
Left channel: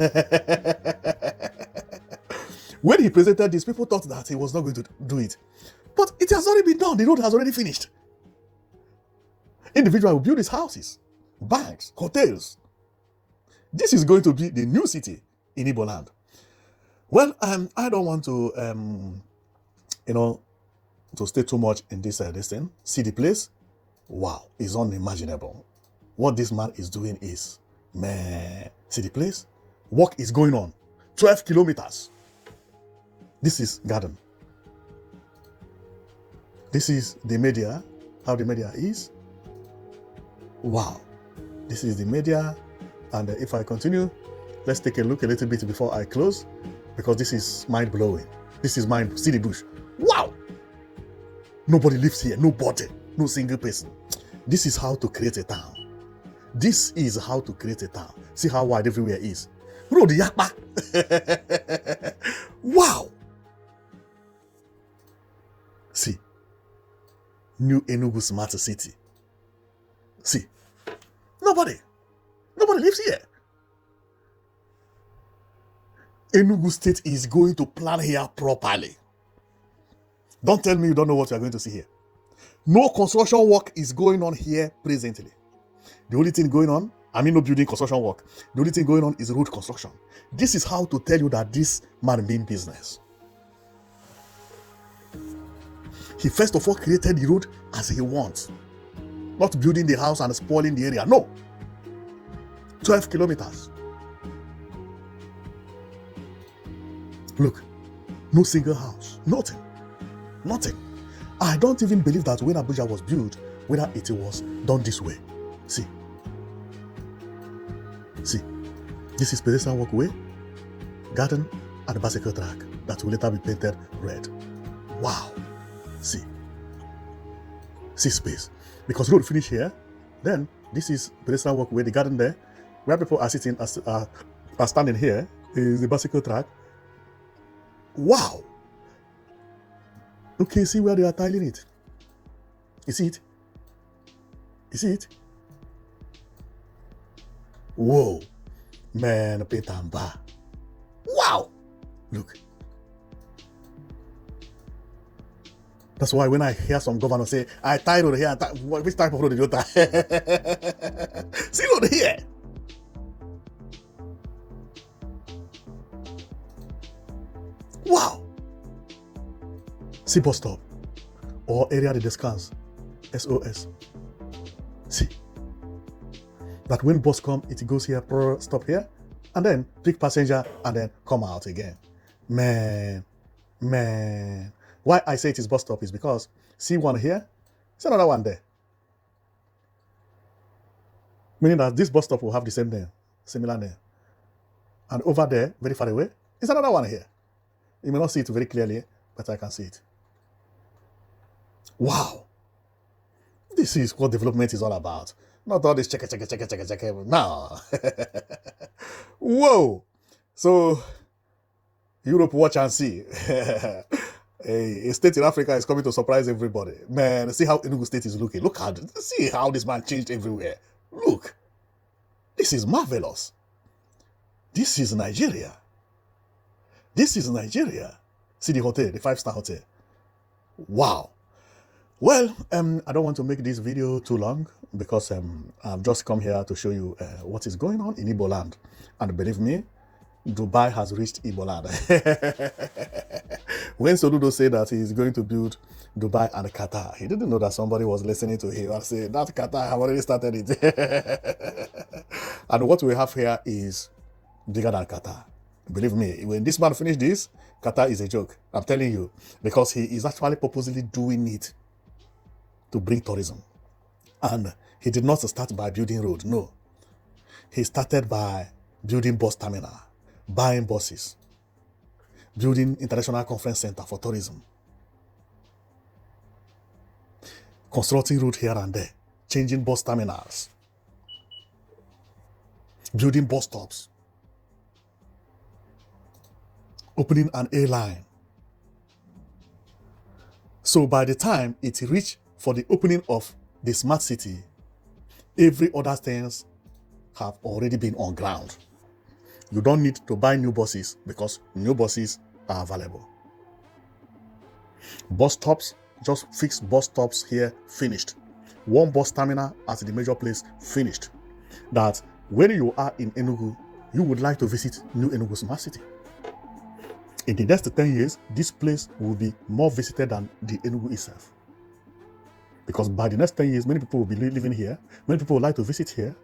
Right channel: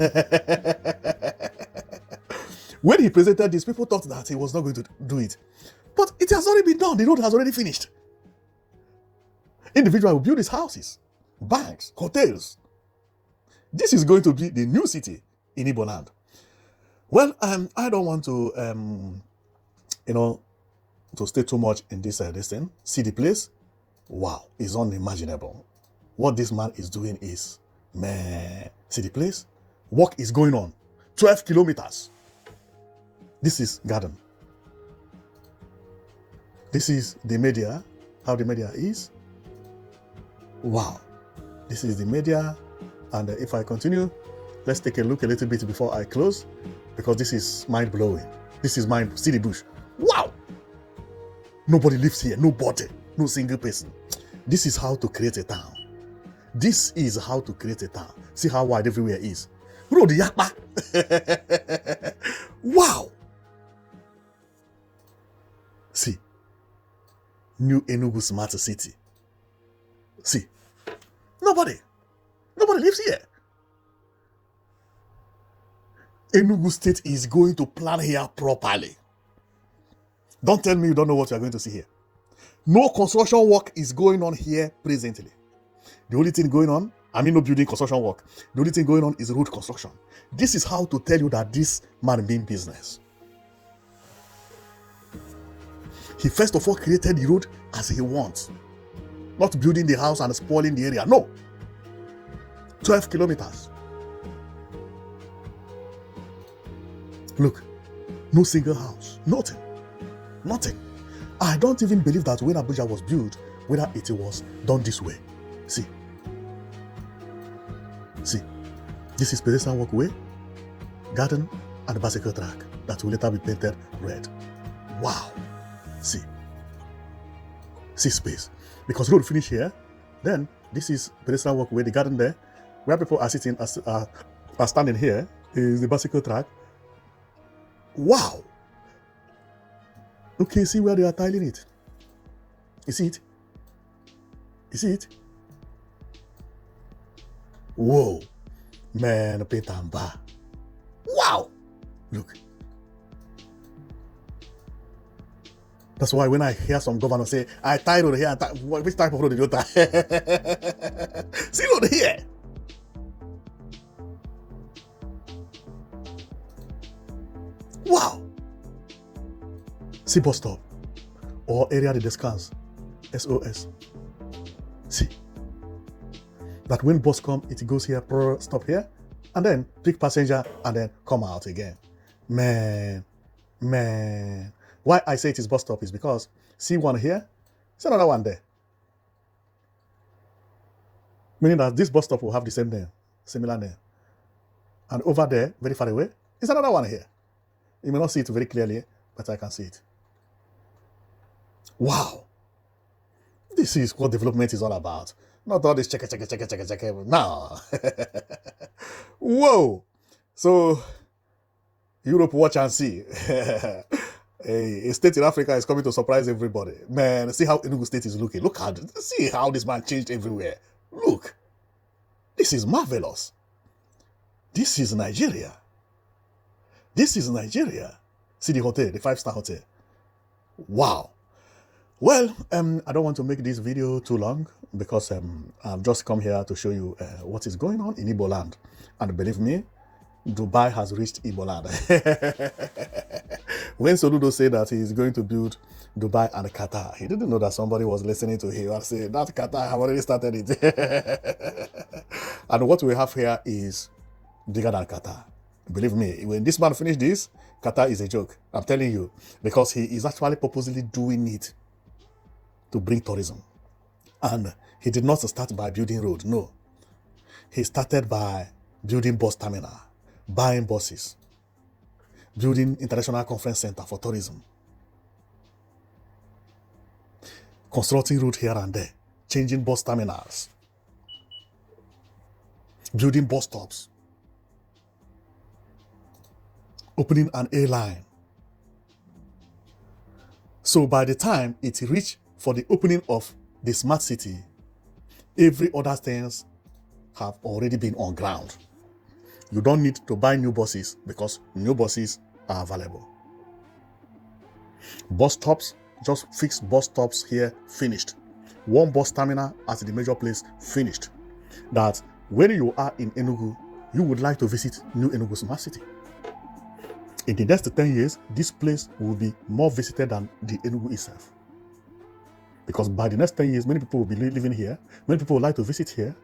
When he presented this, people thought that he was not going to do it. But it has already been done. The road has already finished. Individuals will build his houses, banks, hotels. This is going to be the new city in Igbo land. Well, I don't want to, to stay too much in this thing. See the place? Wow, it's unimaginable. What this man is doing is, man, see the place? Work is going on. 12 kilometers. This is garden. This is the media, how the media is. Wow. This is the media. And if I continue, let's take a look a little bit before I close, because this is mind-blowing. This is mind. See the bush. Wow. Nobody lives here. Nobody. No single person. This is how to create a town. This is how to create a town. See how wide everywhere is. Road yakpa. Wow. See. New Enugu Smart City. See. Nobody lives here. Enugu State is going to plan here properly. Don't tell me you don't know what you're going to see here. No construction work is going on here presently. The only thing going on, no building construction work. The only thing going on is road construction. This is how to tell you that this man means business. He first of all created the road as he wants. Not building the house and spoiling the area. No. 12 kilometers. Look, no single house. Nothing. I don't even believe that when Abuja was built, whether it was done this way. See, this is pedestrian walkway, garden, and the bicycle track that will later be painted red. Wow. See space. Because road finish here, then this is pedestrian walkway, the garden there, where people are sitting, are standing here, is the bicycle track. Wow. Okay, see where they are tiling it. You see it? You see it? Whoa. Man, Peter Mbah. Wow. Look. That's why when I hear some governor say, I tied on here, which type of road did you tie? See on here. Wow. See bus stop or area de descans, SOS. See that when bus come, it goes here, stop here, and then pick passenger and then come out again. Man. Why I say it is bus stop is because see one here, see another one there. Meaning that this bus stop will have the same name, similar name. And over there, very far away, is another one here. You may not see it very clearly, but I can see it. Wow. This is what development is all about. Not all this check. No. Whoa. So, Europe, watch and see. Hey, a state in Africa is coming to surprise everybody. Man, see how Enugu state is looking. See how this man changed everywhere. Look. This is marvelous. This is Nigeria. See the hotel, the 5-star hotel. Wow. Well, I don't want to make this video too long because I've just come here to show you what is going on in Igbo land. And believe me, Dubai has reached Igbo land. When Soludo said that he's going to build Dubai and Qatar, he didn't know that somebody was listening to him and saying, that Qatar have already started it. And what we have here is bigger than Qatar. Believe me, when this man finished this, Qatar is a joke. I'm telling you. Because he is actually purposely doing it to bring tourism. And he did not start by building road, no. He started by building bus terminal, buying buses, building international conference center for tourism, constructing road here and there, changing bus terminals, building bus stops, opening an airline. So by the time it reached for the opening of the smart city, every other things have already been on ground. You don't need to buy new buses because new buses are available. Bus stops, just fixed bus stops here, finished. One bus terminal at the major place, finished. That when you are in Enugu, you would like to visit New Enugu Smart City. In the next 10 years, this place will be more visited than the Enugu itself. Because by the next 10 years, many people will be living here, many people would like to visit here,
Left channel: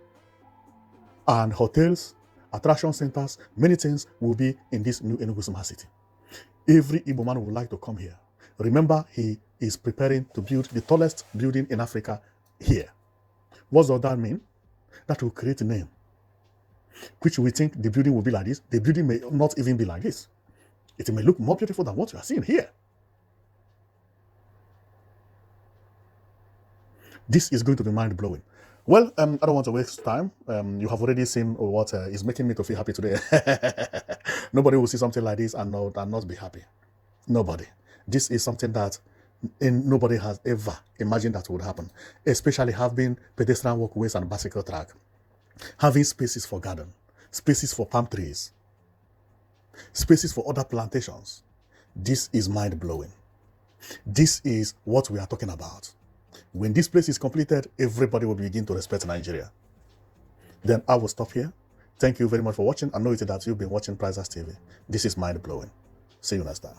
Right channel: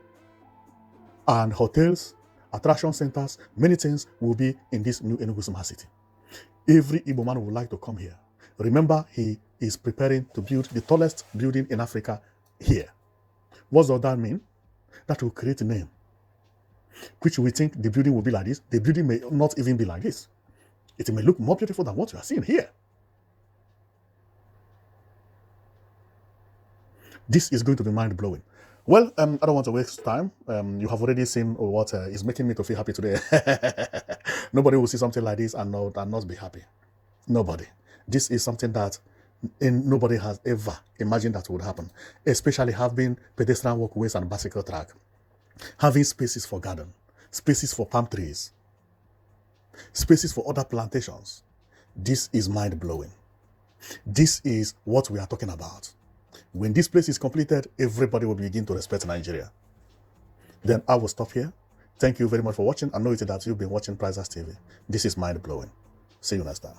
and hotels, attraction centers, many things will be in this New Enugu Smart City. Every Igbo man would like to come here. Remember, he is preparing to build the tallest building in Africa here. What does that mean? That will create a name, which we think the building will be like this. The building may not even be like this. It may look more beautiful than what we are seeing here. This is going to be mind-blowing. Well, I don't want to waste time. You have already seen what is making me to feel happy today. Nobody will see something like this and not be happy. Nobody. This is something that nobody has ever imagined that would happen. Especially having pedestrian walkways and bicycle track. Having spaces for garden. Spaces for palm trees. Spaces for other plantations. This is mind-blowing. This is what we are talking about. When this place is completed, everybody will begin to respect Nigeria. Then I will stop here. Thank you very much for watching. I know that you've been watching Prizers TV. This is mind-blowing. See you next time.